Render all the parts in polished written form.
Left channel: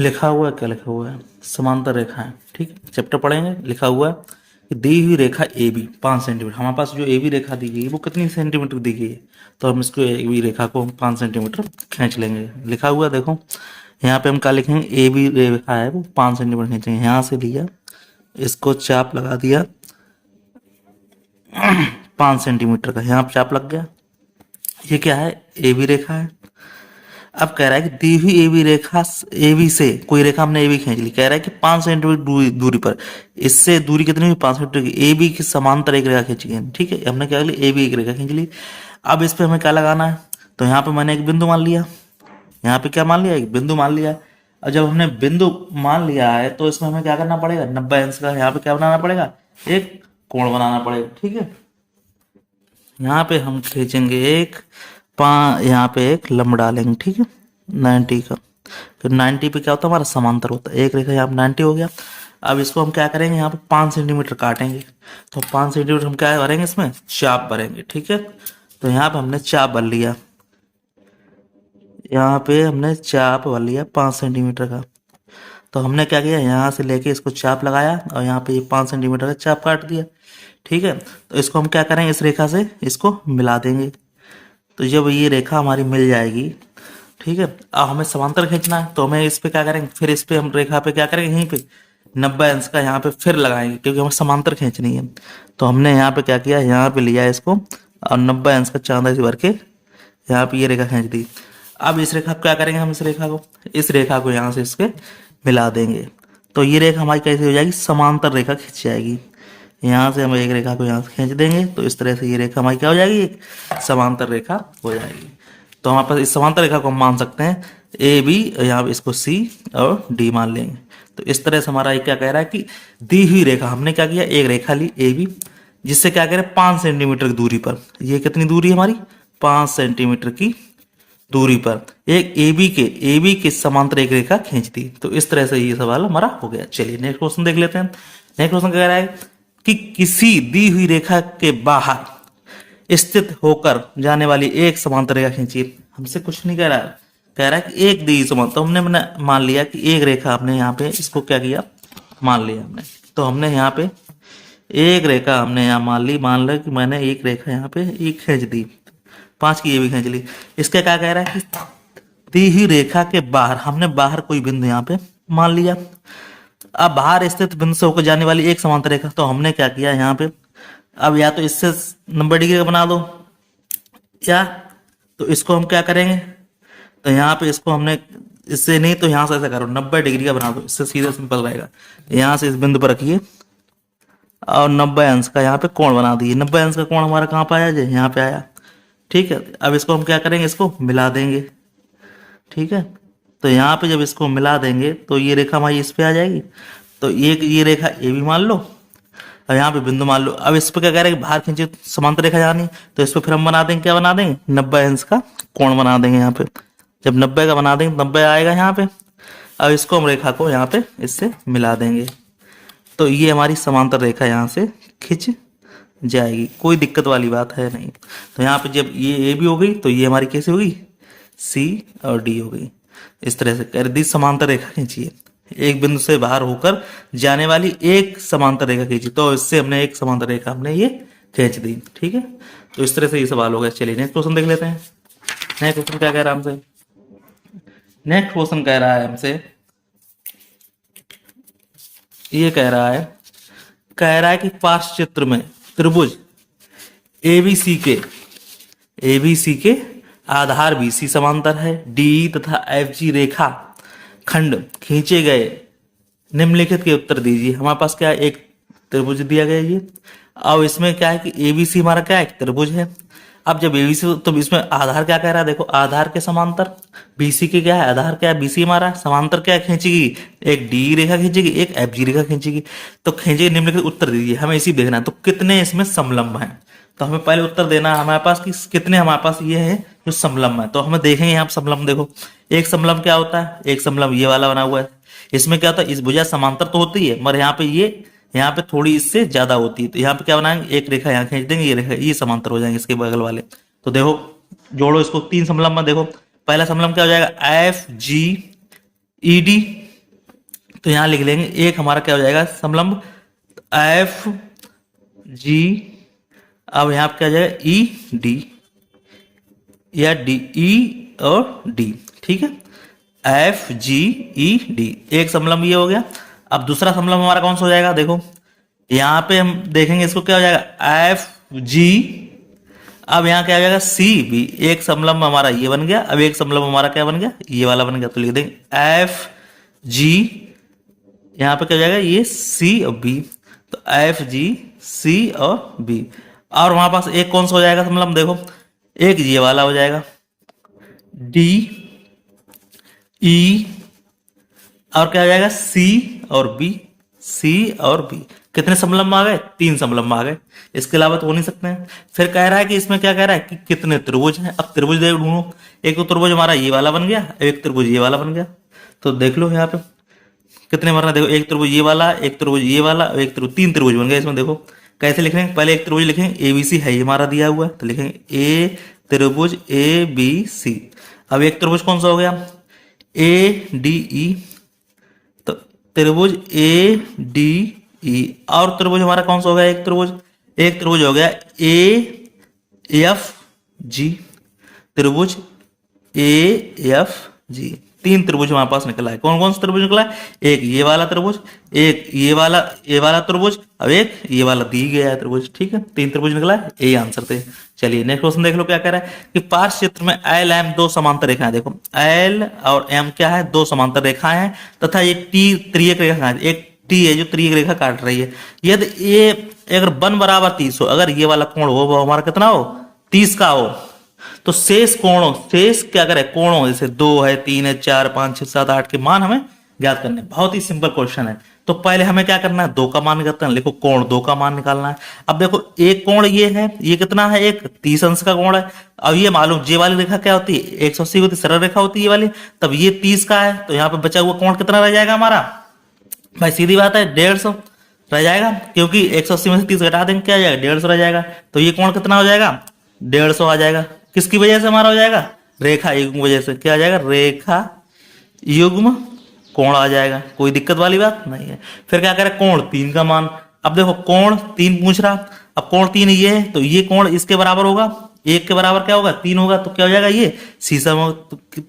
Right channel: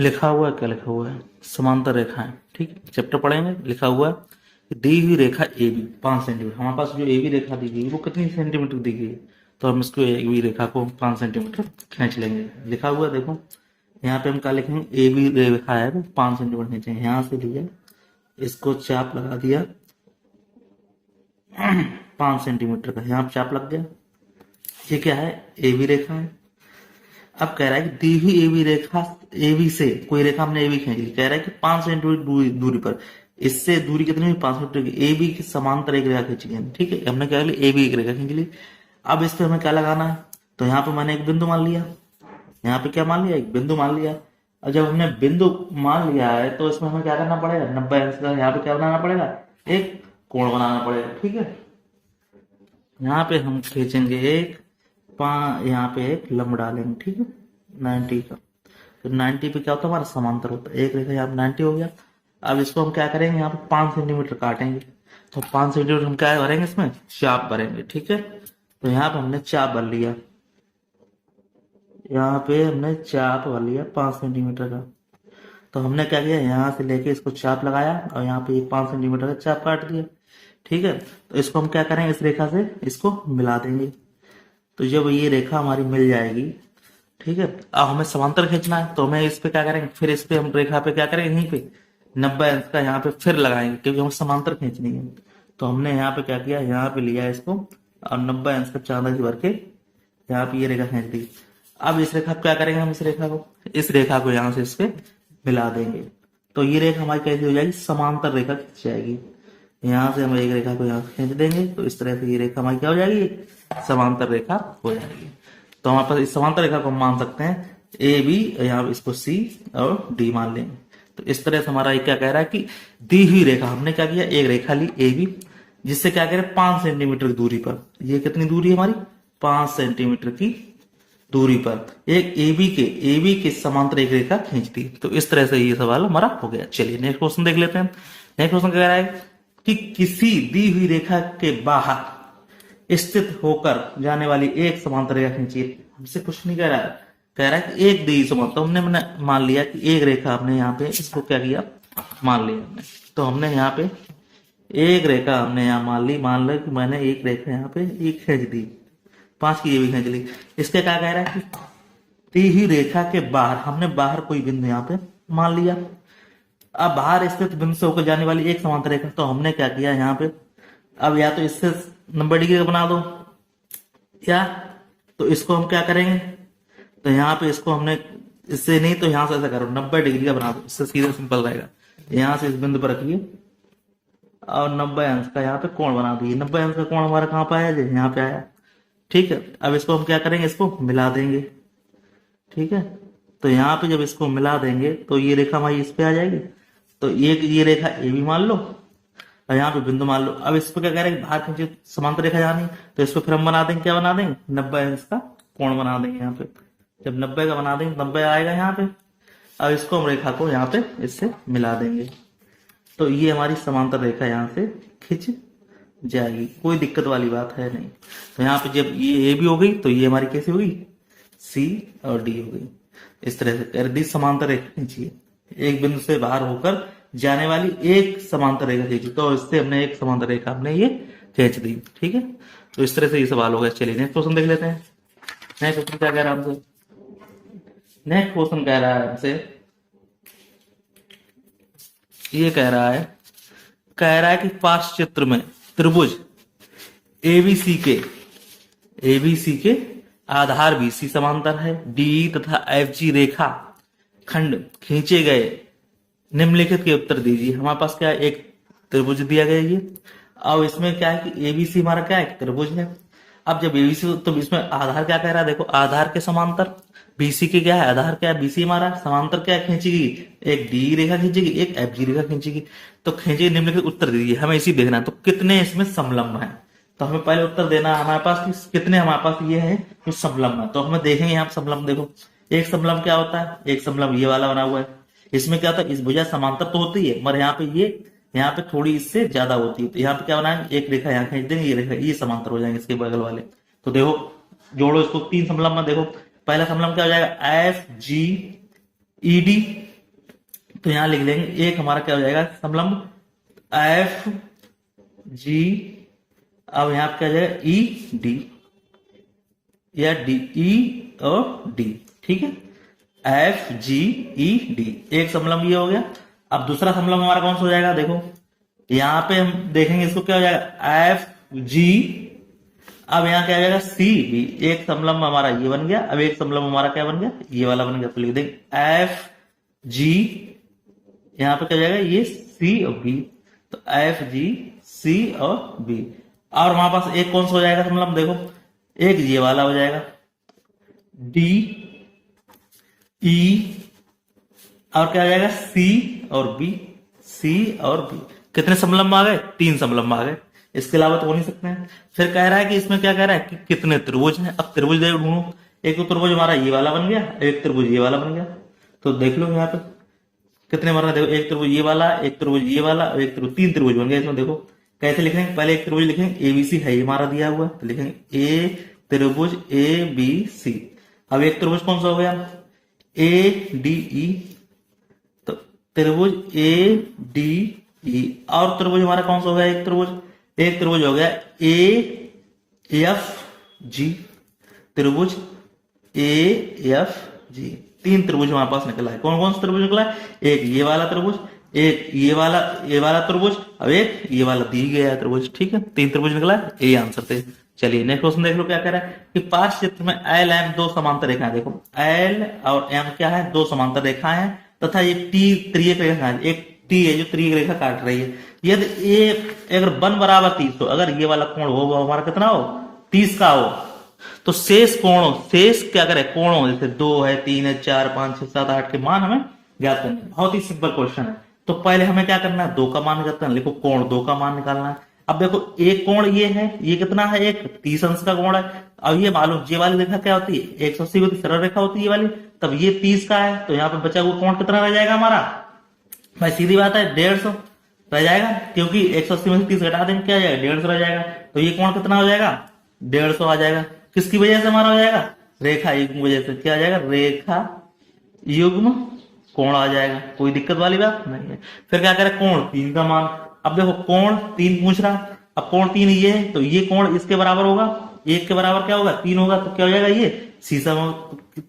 लिखा हुआ है, क्या लिखा हुआ है, समांतर रेखाएं। ठीक, चैप्टर पढ़ेंगे। लिखा हुआ है कि दी हुई रेखा ए बी 5 सेंटीमीटर। हमारे पास जो ए बी रेखा दी गई है वो कितनी सेंटीमीटर दी गई है, तो हम इसको ए बी रेखा को 5 सेंटीमीटर खींच लेंगे। लिखा हुआ है, देखो यहाँ पे हम क्या लिखेंगे, ए बी रेखा है वो 5 सेंटीमीटर खींचेंगे। यहाँ से लिया, इसको चाप लगा दिया 5 सेंटीमीटर का, यहाँ पे चाप लग गया। ये क्या है, ए बी रेखा है। अब कह रहा है कि दी हुई A B Rekha, A B से कोई रेखा हमने ए बी खींच ली, कह रहा है कि 5 सेंटीमीटर दूरी पर, इससे दूरी कितनी हुई, 5 सेंटीमीटर की। ए बी के समांतर एक रेखा खींची गई, ठीक है। हमने क्या लिया, ए बी एक रेखा खींच ली। अब इस पे हमें क्या लगाना है, तो यहाँ पे मैंने एक बिंदु मान लिया, यहाँ पे क्या मान लिया, एक बिंदु मान लिया। और जब हमने बिंदु मान लिया है तो इसमें हमें क्या करना पड़ेगा, 90 अंश का यहाँ पे क्या बनाना पड़ेगा, एक कोण बनाना पड़ेगा, ठीक है। यहाँ पे हम खींचेंगे एक यहाँ पे एक लंब डालेंगे, ठीक है, 90 का। फिर 90 पे क्या होता है, हमारा समांतर होता है, एक रेखा यहाँ पे 90 हो गया। अब इसको हम क्या करेंगे, यहाँ पे 5 सेंटीमीटर काटेंगे। तो 5 सेंटीमीटर हम क्या भरेंगे, इसमें चाप भरेंगे, ठीक है। तो यहाँ पे हमने चाप भर लिया, यहाँ पे हमने चाप भर लिया 5 सेंटीमीटर का। तो हमने क्या किया, यहाँ से लेके इसको चाप लगाया और यहाँ पे 5 सेंटीमीटर का चाप काट दिया, ठीक है। तो इसको हम क्या करेंगे, इस रेखा से इसको मिला देंगे। तो जब ये रेखा हमारी मिल जाएगी, ठीक है, अब हमें समांतर खींचना है, तो हमें इस पे क्या करेंगे, फिर इस पे हम रेखा पे क्या करेंगे, यहीं पे 90 अंश का यहाँ पे फिर लगाएंगे, क्योंकि हमें समांतर खींचनी है। तो हमने यहाँ पे क्या किया, यहाँ पे लिया इसको और 90 अंश का चांदा से भर के यहाँ पे ये रेखा खींच दी। अब इस रेखा पे क्या करेंगे, हम इस रेखा को यहाँ से इसके मिला देंगे। तो ये रेखा हमारी कैसी हो जाएगी, समांतर रेखा खींच जाएगी। यहाँ से हम एक रेखा को यहाँ से खींच देंगे, तो इस तरह से ये रेखा हमारी क्या हो जाएगी, एक समांतर रेखा हो जाएगी। तो हमारे पास इस समांतर रेखा को हम मान सकते हैं ए बी, यहाँ पे इसको सी और डी मान लेंगे। तो इस तरह से हमारा ये क्या कह रहा है कि दी हुई रेखा, हमने क्या किया, एक रेखा ली ए बी, जिससे क्या करें 5 सेंटीमीटर की दूरी पर, ये कितनी दूरी हमारी, 5 सेंटीमीटर की दूरी पर एक ए बी के समांतर एक रेखा खींच दी। तो इस तरह से ये सवाल हमारा हो गया। चलिए नेक्स्ट क्वेश्चन देख लेते हैं। नेक्स्ट क्वेश्चन कह रहा है कि किसी दी हुई रेखा के बाहर स्थित होकर जाने वाली एक समांतर रेखा खींचिए। हमसे कुछ नहीं कह रहा है, कह रहा है कि एक दी समांतर, तो हमने मान लिया कि एक रेखा, हमने यहाँ पे इसको क्या किया, मान लिया हमने। तो हमने यहाँ पे एक रेखा हमने यहाँ मान लिया कि मैंने एक रेखा यहाँ पे एक खींच दी, 5 की ये भी खींच ली। इसका क्या कह रहा है कि दी हुई रेखा के बाहर, हमने बाहर कोई बिंदु यहाँ पे मान लिया। अब बाहर स्थित बिंदु से होकर जाने वाली एक समांतर रेखा, तो हमने क्या किया यहाँ पे, अब या तो इससे 90 डिग्री का बना दो, या तो इसको हम क्या करेंगे, तो यहाँ पे इसको हमने इससे नहीं तो यहाँ से ऐसा करो, 90 डिग्री का बना दो, इससे सीधा सिंपल रहेगा। यहाँ से इस बिंदु पर रखिए और 90 अंश का यहाँ पे कोण बना दिए। 90 अंश का कोण हमारा कहाँ पे आया, जो यहाँ पे आया, ठीक है। अब इसको हम क्या करेंगे, इसको मिला देंगे, ठीक है। तो यहाँ पे जब इसको मिला देंगे तो ये रेखा हमारी इस पे आ जाएगी। तो ये रेखा ए भी मान लो और यहाँ पे बिंदु मान लो। अब इस पे क्या कह रहे हैं, बाहर खींचे समांतर रेखा जानी, तो इस पे फिर हम बना देंगे, क्या बना देंगे, 90 अंश का कोण बना देंगे। यहाँ पे जब 90 का बना देंगे, 90 आएगा यहाँ पे। अब इसको हम रेखा को यहाँ पे इससे मिला देंगे, तो ये हमारी समांतर रेखा यहाँ से खिंच जाएगी, कोई दिक्कत वाली बात है नहीं। तो यहाँ पे जब ये ए भी हो गई, तो ये हमारी कैसी होगी, सी और डी हो गई। इस तरह से कर दी समांतर रेखा खींचिए, एक बिंदु से बाहर होकर जाने वाली एक समांतर रेखा खींची, तो इससे हमने एक समांतर रेखा हमने ये खींच दी, ठीक है। तो इस तरह से ये सवाल हो गया। चलिए नेक्स्ट क्वेश्चन देख लेते हैं। नेक्स्ट क्वेश्चन क्या कह रहा है हमसे, नेक्स्ट क्वेश्चन कह रहा है हमसे, ये कह रहा है कि पार्श्व चित्र में त्रिभुज एबीसी के आधार बीसी समांतर है, डी तथा एफ जी रेखा खंड खींचे गए, निम्नलिखित के उत्तर दीजिए। हमारे पास क्या है, एक त्रिभुज दिया गया ये। अब इसमें क्या है कि एबीसी हमारा क्या है, त्रिभुज है। अब जब एबीसी, तो इसमें आधार क्या कह रहा है, देखो आधार के समांतर, बीसी के क्या है, आधार क्या है, बीसी हमारा, समांतर क्या खींचेगी, एक डी रेखा खींचेगी, एक एफ जी रेखा खींचेगी। तो खींचेगी, निम्नलिखित उत्तर दीजिए, हमें इसी देखना है। तो कितने इसमें समलंब है, तो हमें पहले उत्तर देना है हमारे पास कि कितने हमारे पास ये है जो समलंब है। तो हमें देखेंगे यहाँ समलंब, देखो एक समलंब क्या होता है, एक समलंब ये वाला बना हुआ है। इसमें क्या होता है, इस भुजा समांतर तो होती है, मगर यहाँ पे थोड़ी इससे ज्यादा होती है। तो यहाँ पे क्या बनाएंगे, एक रेखा यहाँ खींच देंगे, ये रेखा ये समांतर हो जाएंगे इसके बगल वाले। तो देखो जोड़ो इसको, 3 समलंब में देखो, पहला समलंब क्या हो जाएगा, एफ जी ई डी, तो यहाँ लिख लेंगे एक हमारा क्या हो जाएगा समलंब एफ जी, अब यहाँ पे क्या हो जाएगा ई डी या डी ई और डी, ठीक है एफ जी ई डी, एक समलंब ये हो गया। अब दूसरा समलंब हमारा कौन सा हो जाएगा, देखो यहाँ पे हम देखेंगे इसको क्या हो जाएगा एफ जी, अब यहाँ क्या आ जाएगा सी बी, एक समलंब हमारा ये बन गया। अब एक समलंब हमारा क्या बन गया, ये वाला बन गया, तो लिख देंगे एफ जी, यहाँ पे क्या हो जाएगा ये सी और बी, तो एफ जी सी और बी। और वहां पास एक कौन सा हो जाएगा समलंब, देखो एक ये वाला हो जाएगा डी ई, और क्या हो जाएगा सी और बी, सी और बी। कितने समलंब आ गए, 3 समलंब आ गए, इसके अलावा तो हो नहीं सकते हैं। फिर कह रहा है कि इसमें क्या कह रहा है कि कितने त्रिभुज हैं। अब त्रिभुज देख ढूंढो, एक तो त्रिभुज हमारा ये वाला बन गया, एक त्रिभुज ये वाला बन गया, तो देख लो यहाँ पे कितने बन रहे हैं, देखो एक त्रिभुज ये वाला, एक त्रिभुज ये वाला, एक त्रिभुज, 3 त्रिभुज बन गए इसमें। देखो कैसे लिख रहे हैं, पहले एक त्रिभुज लिखेंगे एबीसी है ये हमारा दिया हुआ है, तो लिखेंगे ए त्रिभुज ए बी सी। अब एक त्रिभुज कौन सा हो गया ए डी ई, तो त्रिभुज ए डी ई, और त्रिभुज हमारा कौन सा हो गया एक त्रिभुज हो गया ए एफ जी, त्रिभुज ए एफ जी, 3 त्रिभुज हमारे पास निकला है। कौन कौन सा त्रिभुज निकला है, एक ये वाला त्रिभुज, एक ये वाला त्रिभुज, और एक ये वाला दी गया है त्रिभुज, ठीक है 3 त्रिभुज निकला है, यही आंसर थे। चलिए नेक्स्ट क्वेश्चन देख लो क्या कह रहा है कि पार्श्व चित्र में एल एम 2 समांतर रेखाएं, देखो एल और एम क्या है 2 समांतर रेखाएं हैं, तथा ये टी त्रियक रेखा है, एक टी है जो त्रियक रेखा काट रही है। यदि ये अगर वन बराबर 30 हो, अगर ये वाला कोण हो वो हमारा कितना हो 30 का हो, तो शेष कोणों, शेष क्या करे कोणों, जैसे 2 है 3 है 4 5 6 7 8 के मान हमें ज्ञात करने। बहुत ही सिंपल क्वेश्चन है। तो पहले हमें क्या करना है 2 का मान निकालते हैं, लिखो कोण 2 का मान निकालना है। अब देखो एक कोण ये है, ये कितना है एक 30 अंश का कोण है। अब ये मालूम ये वाली रेखा क्या होती है 180 होती है, सरल रेखा होती है ये वाली, तब ये 30 का है, तो यहाँ पे बचा हुआ कोण कितना रह जाएगा हमारा, भाई सीधी बात है 150 रह जाएगा, क्योंकि 180 में से 30 घटा देंगे क्या आ जाएगा 150 रह जाएगा। तो ये कोण कितना हो जाएगा 150 आ जाएगा। किसकी वजह से हमारा हो जाएगा, रेखा युग्म वजह से, क्या आ जाएगा रेखा युग्म कोण आ जाएगा, कोई दिक्कत वाली बात नहीं है। फिर क्या करें कोण 3 का मान, अब देखो कोण 3 पूछ रहा, अब कोण 3 ये है, तो ये कोण इसके बराबर होगा, 1 के बराबर क्या होगा 3 होगा, तो क्या हो जाएगा ये शीर्षा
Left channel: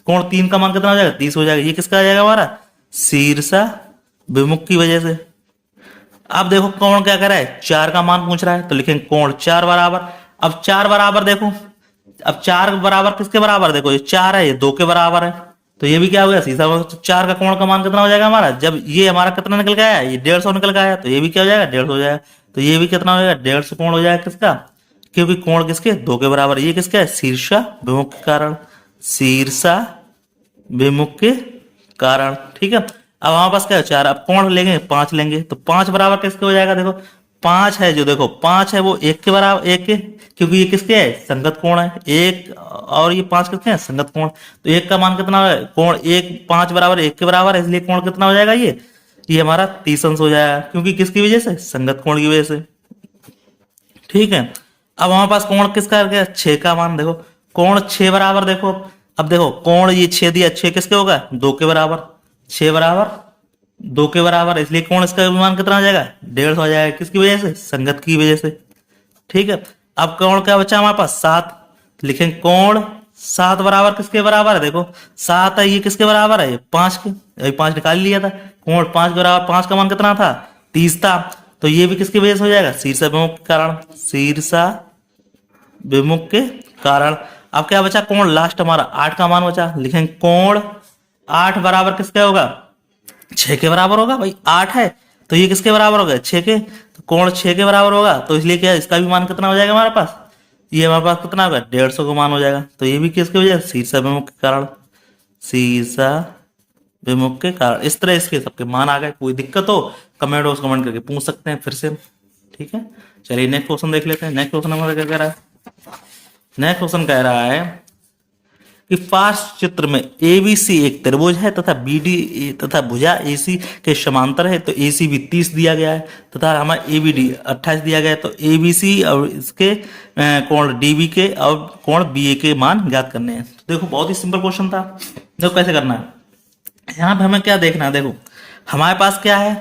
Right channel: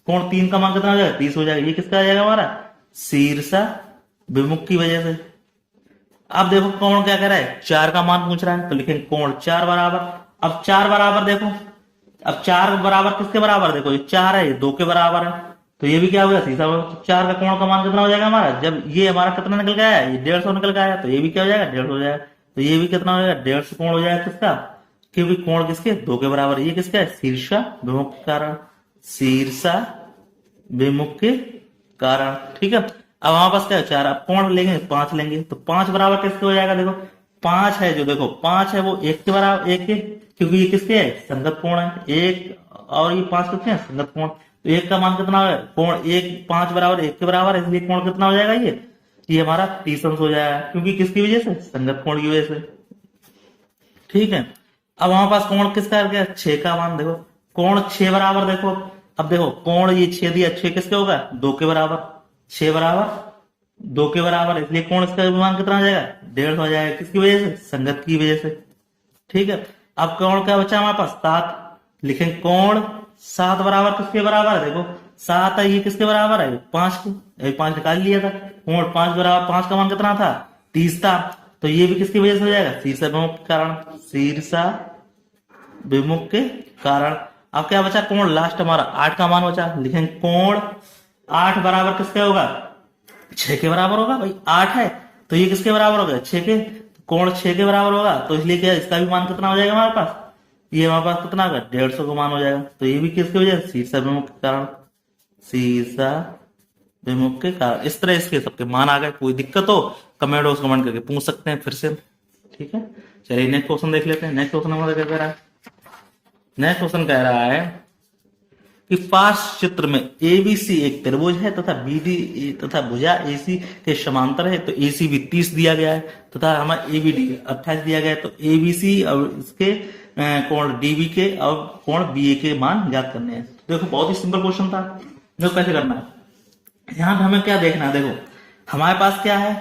कोण 3 का मान कितना हो जाएगा 30 हो जाएगा। ये किसका आ जाएगा हमारा शीर्षा विमुख की वजह से। अब देखो कोण क्या कर रहा है 4 का मान पूछ रहा है, तो लिखेंगे कोण 4 बराबर। अब 4 बराबर देखो, अब 4 बराबर किसके बराबर, देखो ये 4 है ये 2 के बराबर है, तो ये भी क्या हो गया सीधा 4 का कोण का मान कितना हो जाएगा हमारा, जब ये हमारा कितना निकल गया है ये 150 निकल गया है, तो ये भी क्या हो जाएगा 150 हो जाएगा। तो ये भी कितना हो जाएगा 150 कोण हो जाएगा किसका, क्योंकि कोण किसके 2 के बराबर। ये किसका है शीर्षा विमुख के कारण, शीर्षा विमुख के कारण, ठीक है। अब हमारे पास क्या है 4, अब कोण लेंगे 5 लेंगे, तो 5 बराबर किसके हो जाएगा, देखो 5 है जो, देखो 5 है वो 1 के बराबर, 1 के, क्योंकि ये किसके है संगत कोण है, 1 और ये 5 किसके हैं संगत कोण, तो 1 का मान कितना है कोण 1 5 बराबर 1 के बराबर है, इसलिए कोण कितना हो जाएगा ये हमारा 30 अंश हो जाएगा, क्योंकि किसकी वजह से संगत कोण की वजह से, ठीक है। अब हमारे पास कोण किसका आ गया 6 का मान, देखो कोण 6 बराबर, देखो अब देखो कोण ये 6 दिया, 6 किसके होगा 2 के बराबर, 6 बराबर 2 के बराबर, इसलिए कोण इसका मान कितना हो जाएगा 150 हो जाएगा, किसकी वजह से संगत की वजह से, ठीक है। अब कोण क्या बचा हमारे पास 7, लिखेंगे कोण 7 बराबर किसके बराबर है, देखो 7 है ये किसके बराबर है 5 के, अभी 5 निकाल लिया था, कोण 5 बराबर 5 का मान कितना था 30 था, तो ये भी किसकी वजह से हो जाएगा शीर्षा विमुख के कारण, शीर्षा विमुख के कारण। अब क्या बचा कोण लास्ट हमारा 8 का मान बचा, लिखेंगे कोण 8 बराबर किसके होगा 6 के बराबर होगा, भाई 8 है तो ये किसके बराबर होगा 6 के, तो कोण 6 के बराबर होगा, तो इसलिए क्या इसका भी मान कितना हो जाएगा हमारे पास, ये हमारे पास कितना होगा 150 का मान हो जाएगा। तो ये भी किसकी वजह से शीर्षा विमुख के कारण, शीर्षा विमुख के कारण। इस तरह इसके सबके मान आ गए, कोई दिक्कत हो कमेंट बॉक्स कमेंट करके पूछ सकते हैं फिर से, ठीक है। चलिए नेक्स्ट क्वेश्चन देख लेते हैं। नेक्स्ट क्वेश्चन हमारा क्या कह रहा है, नेक्स्ट क्वेश्चन कह रहा है कि पार्श्व चित्र में एबीसी एक त्रिभुज है तथा बीडी तथा भुजा एसी के समांतर है, तो एसी भी 30 दिया गया है तथा हमें एबीडी 28 दिया गया है, तो एबीसी और इसके कोण डीबी के और कोण बीए के मान ज्ञात करने हैं। तो देखो बहुत ही सिंपल क्वेश्चन था, देखो कैसे करना है। यहाँ पे हमें क्या देखना है, देखो हमारे पास क्या है,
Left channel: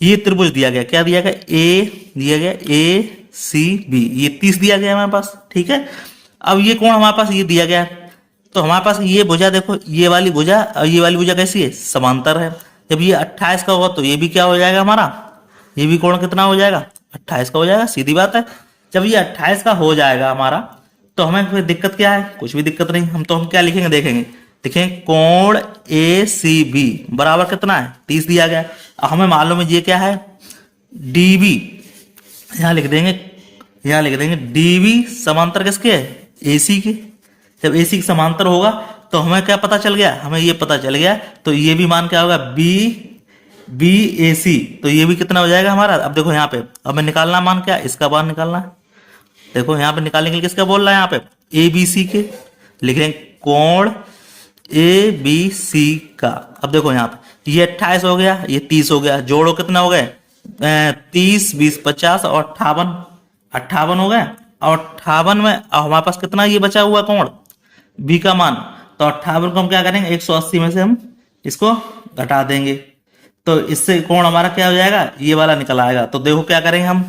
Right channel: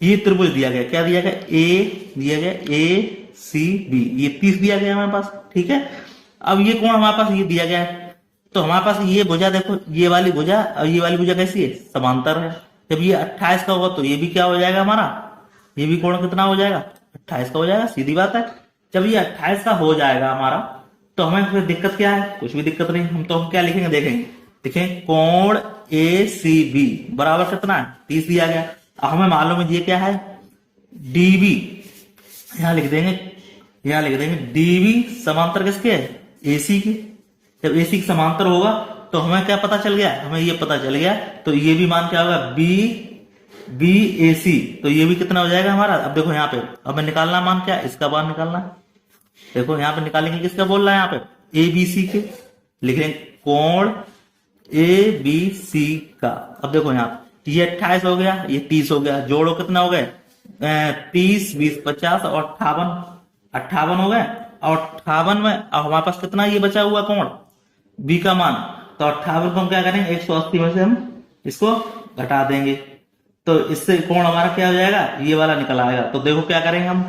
ये त्रिभुज दिया गया, क्या दिया गया, ए दिया गया, ए सी बी, ये 30 दिया गया हमारे पास, ठीक है। अब ये कोण हमारे पास ये दिया गया है, तो हमारे पास ये भुजा देखो, ये वाली भुजा और ये वाली भुजा कैसी है, समांतर है। जब ये 28 का होगा तो ये भी क्या हो जाएगा हमारा, ये भी कोण कितना हो जाएगा, 28 का हो जाएगा, सीधी बात है। जब ये 28 का हो जाएगा हमारा, तो हमें कोई दिक्कत क्या है, कुछ भी दिक्कत नहीं। हम क्या लिखेंगे, देखेंगे, देखें कोण ए सी बी बराबर कितना है, 30 दिया गया। अब हमें मालूम है ये क्या है, डीबी, यहाँ लिख देंगे, यहाँ लिख देंगे डीबी समांतर किसके है, एसी के। जब एसी के समांतर होगा तो हमें क्या पता चल गया, हमें ये पता चल गया, तो ये भी मान क्या होगा, बी बी ए सी, तो ये भी कितना हो जाएगा हमारा। अब देखो यहाँ पे हमें निकालना मान क्या, इसका मान निकालना है। देखो यहाँ पे निकालने के लिए किसका बोल रहा है, यहाँ पे ए बी सी के लिख रहे हैं, कोण ए बी सी का। अब देखो यहाँ पे ये 28 हो गया, ये 30 हो गया, जोड़ो कितना हो गए, 30 20 50 और 58 हो गए। और 58 में अब हमारे पास कितना ये बचा हुआ कोण बी का मान, तो 58 को हम क्या करेंगे, 180 में से हम इसको घटा देंगे, तो इससे कोण हमारा क्या हो जाएगा, ये वाला निकल आएगा। तो देखो क्या करेंगे हम,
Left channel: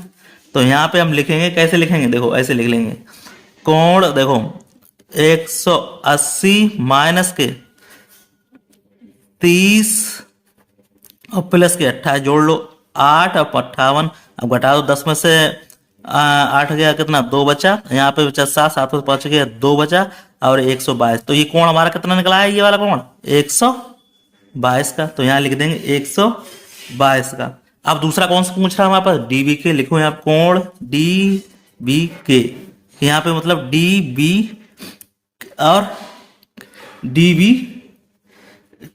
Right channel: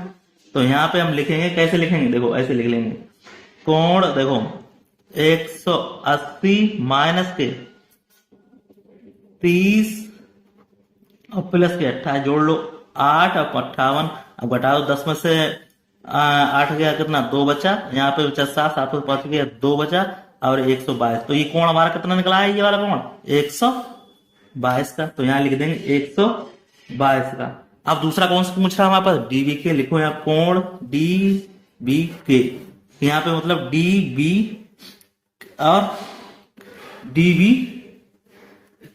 तो यहाँ पे हम लिखेंगे, कैसे लिखेंगे, देखो ऐसे लिख लेंगे, कोण देखो 180 माइनस के 30 और प्लस के 28 जोड़ लो, 8 और 58, अब घटा दो, 10 में से 8 गया कितना, 2 बचा, यहाँ पे बचा 7, 7 में 5 गया 2 बचा, और 122। तो ये कोण हमारा कितना निकला है, ये वाला कोण 122 का, तो यहाँ लिख देंगे 122 का। अब दूसरा कौन सा पूछ रहा है हमारे पास, डीबी के, लिखो यहाँ कोण डी बी के, यहाँ पे मतलब डी बी और डी बी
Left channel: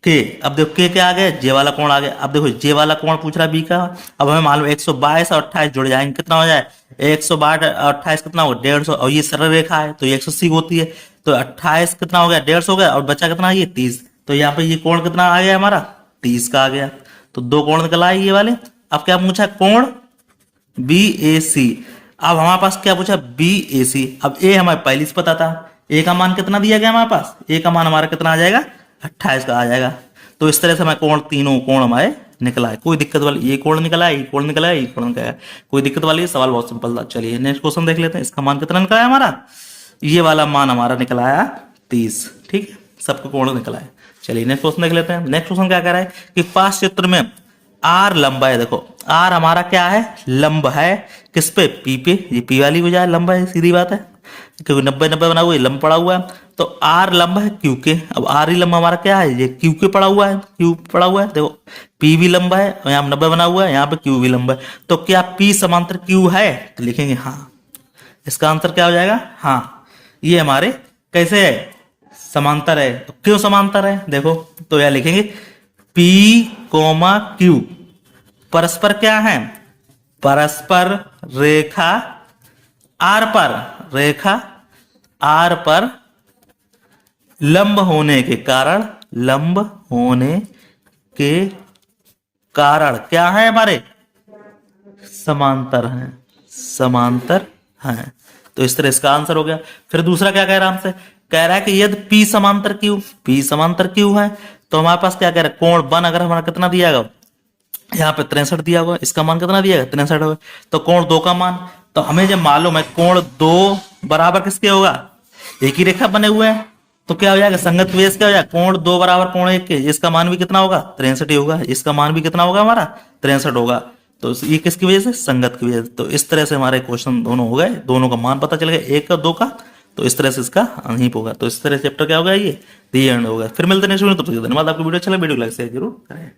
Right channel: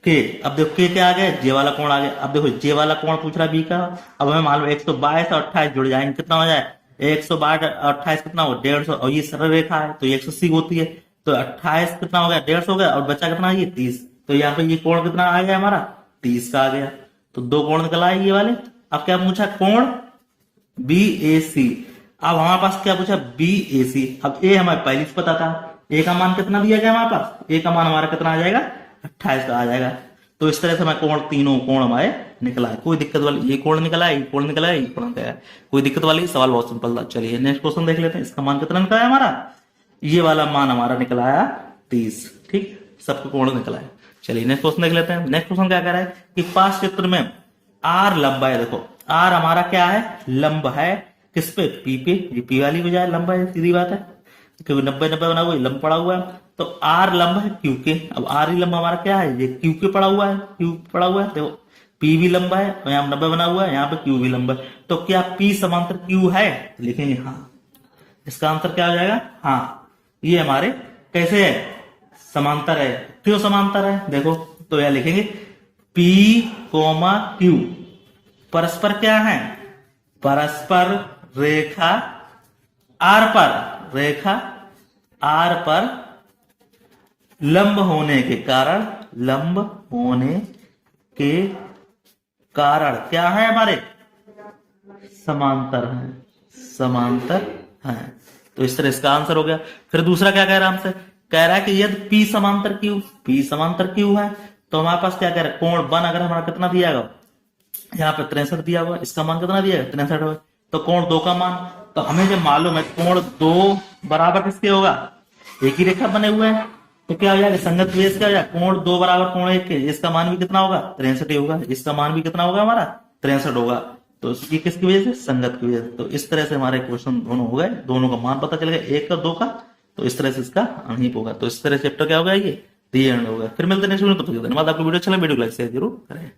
के। अब देखो के क्या आ गया, जे वाला कोण आ गया। अब देखो जे वाला कोण पूछ रहा है बी का, अब हमें मालूम 122 और 28 जुड़ जाएंगे, कितना हो जाए, 122 और 28 कितना हो, 150, और ये सरल रेखा है तो ये 180 होती है, तो 28 कितना हो गया, 150 हो गया, और बचा कितना, ये 30। तो यहाँ पे ये कोण कितना आ गया हमारा, 30 का आ गया। तो 2 कोण निकल आए ये वाले। अब क्या पूछा, कोण बी ए सी। अब हमारे पास क्या पूछा, बी ए सी। अब ए हमारे पहले से पता था, ए का मान कितना दिया गया हमारे पास, ए का मान हमारा कितना आ जाएगा, 28 का आ जाएगा। तो इस तरह से हमारे कोण, तीनों कोण हमारे निकला है, कोई दिक्कत वाली, ये कोण निकला है, ये कोण निकला है, ये कोण निकला है, कोई दिक्कत वाली, सवाल बहुत सिंपल था। चलिए नेक्स्ट क्वेश्चन देख लेते हैं, इसका मान कितना निकला है हमारा, ये वाला मान हमारा निकला है 30, ठीक है, सबको कोण निकला है। चलिए नेक्स्ट क्वेश्चन देख लेते हैं। नेक्स्ट क्वेश्चन क्या कह रहा है कि पास चित्र में आर लंबा है, देखो आर हमारा क्या है, लंब है, किस पे, पी पे, ये पी वाली बजाय लंबा है, सीधी बात है, क्योंकि 90-90 बना हुआ है, लंब पड़ा हुआ है, तो आर लंब है क्यू के। अब आर ही लंब हमारा क्या है, ये क्यू के पड़ा हुआ है, क्यू पड़ा हुआ है, देखो पी भी लंबा है, और यहाँ 90 बना हुआ है, यहाँ पे क्यू भी लंबा है, तो क्या पी समांतर क्यू है, तो लिखेंगे हाँ, इसका आंसर क्या हो जाएगा, हाँ, ये हमारे कैसे है, समांतर है। तो क्यों समांतर है, देखो तो यह लिखेंगे P, Q परस्पर क्या है, परस्पर रेखा R पर, रेखा R पर लंब होने के कारण, लंब होने के कारण क्या है हमारे, समांतर हैं, समांतर हैं। तो इस तरह इसका आंसर हो गया। फिर दूसरा क्या कह रहा है हमसे, कह रहा है कि यदि P समांतर Q, P समांतर Q है, तो हमारे पास क्या कह रहा है, कोण बन अगर हमारा कितना दिया गया, यहाँ पे 63 दिया हुआ, इसका मान कितना दिया गया, 63 होगा, तो कोण 2 का मान, तो हमें जब मालूम है कोण 2 बराबर किसके होगा, एक ही रेखा बने हुए हैं, तो क्या हो जाएगा, संगत बेस क्या हो जाएगा, कोण 2 बराबर कोण 1 के, इसका मान भी कितना होगा, 63 ही होगा, इसका मान भी कितना होगा हमारा, 63 होगा। तो ये किसकी वजह से, संगत की वजह से। तो इस तरह से हमारे क्वेश्चन दोनों हो गए, दोनों का मान पता चल गया, 1 और 2 का, तो इस तरह से इसका अनहीप होगा। तो इस तरह से चैप्टर क्या होगा, ये दी एंड होगा। फिर मिलते हैं नेक्स्ट वीडियो, तब तक धन्यवाद। आपको वीडियो अच्छा लगा वीडियो को लाइक शेयर जरूर करें।